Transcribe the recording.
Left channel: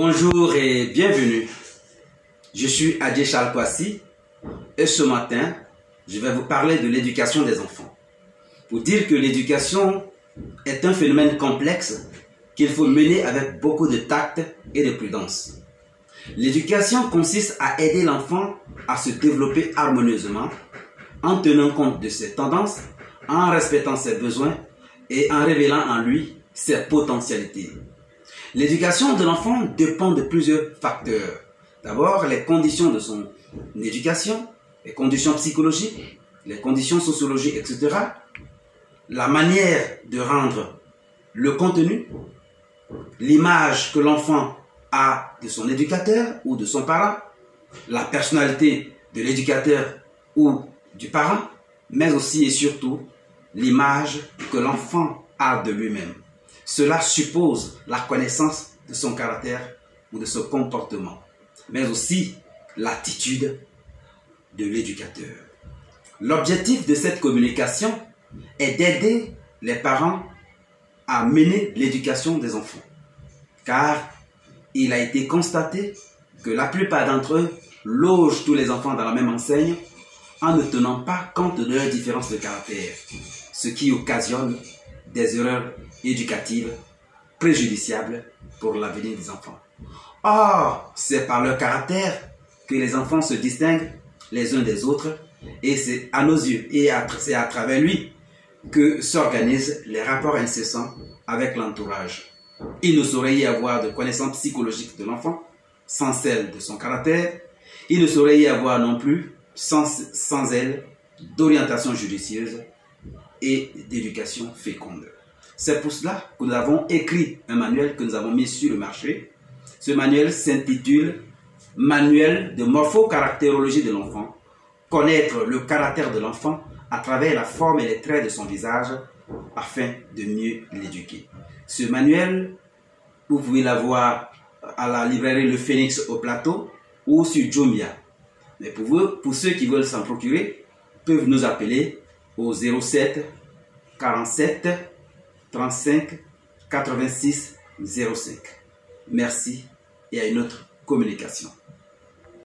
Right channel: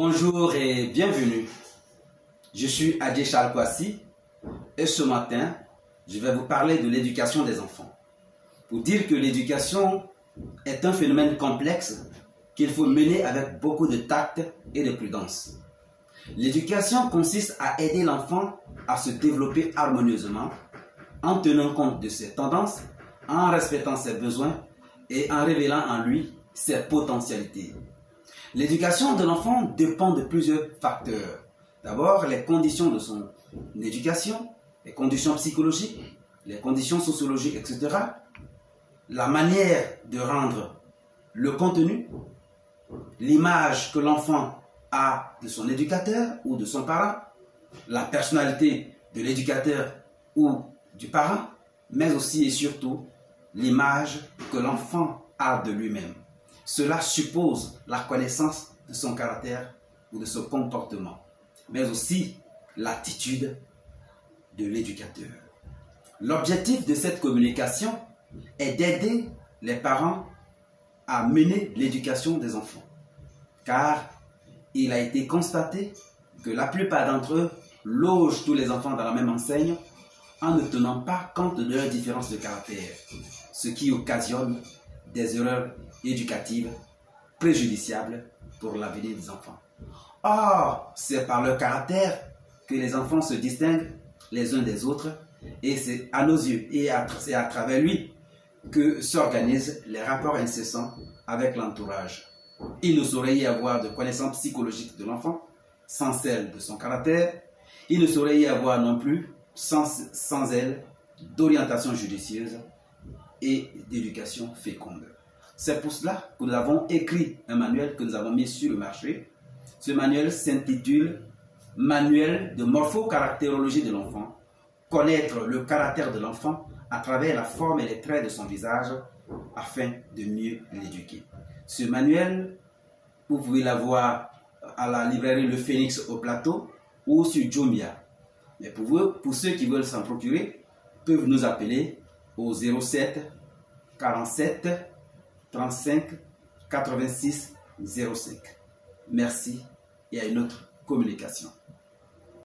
Bonjour et bienvenue. Je suis Adje Charles Kwasi et ce matin, je vais vous parler de l'éducation des enfants. Pour dire que l'éducation est un phénomène complexe qu'il faut mener avec beaucoup de tact et de prudence. L'éducation consiste à aider l'enfant à se développer harmonieusement en tenant compte de ses tendances, en respectant ses besoins et en révélant en lui ses potentialités. L'éducation de l'enfant dépend de plusieurs facteurs. D'abord, les conditions de son éducation, les conditions psychologiques, les conditions sociologiques, etc. La manière de rendre le contenu, l'image que l'enfant a de son éducateur ou de son parent, la personnalité de l'éducateur ou du parent, mais aussi et surtout l'image que l'enfant a de lui-même. Cela suppose la connaissance de son caractère ou de son comportement, mais aussi l'attitude de l'éducateur. L'objectif de cette communication est d'aider les parents à mener l'éducation des enfants, car il a été constaté que la plupart d'entre eux logent tous les enfants dans la même enseigne en ne tenant pas compte de leurs différences de caractère, ce qui occasionne des erreurs éducatives préjudiciables pour l'avenir des enfants. Or, c'est par leur caractère que les enfants se distinguent les uns des autres et c'est à nos yeux et c'est à travers lui que s'organisent les rapports incessants avec l'entourage. Il ne saurait y avoir de connaissances psychologiques de l'enfant sans celle de son caractère. Il ne saurait y avoir non plus sans elle d'orientation judicieuse et d'éducation féconde. C'est pour cela que nous avons écrit un manuel que nous avons mis sur le marché. Ce manuel s'intitule « Manuel de morpho-caractérologie de l'enfant ». Connaître le caractère de l'enfant à travers la forme et les traits de son visage afin de mieux l'éduquer. Ce manuel, vous pouvez l'avoir à la librairie Le Phénix au Plateau ou sur Jumia. Mais pour ceux qui veulent s'en procurer, peuvent nous appeler au 07 47 35 86 05. Merci et à une autre communication.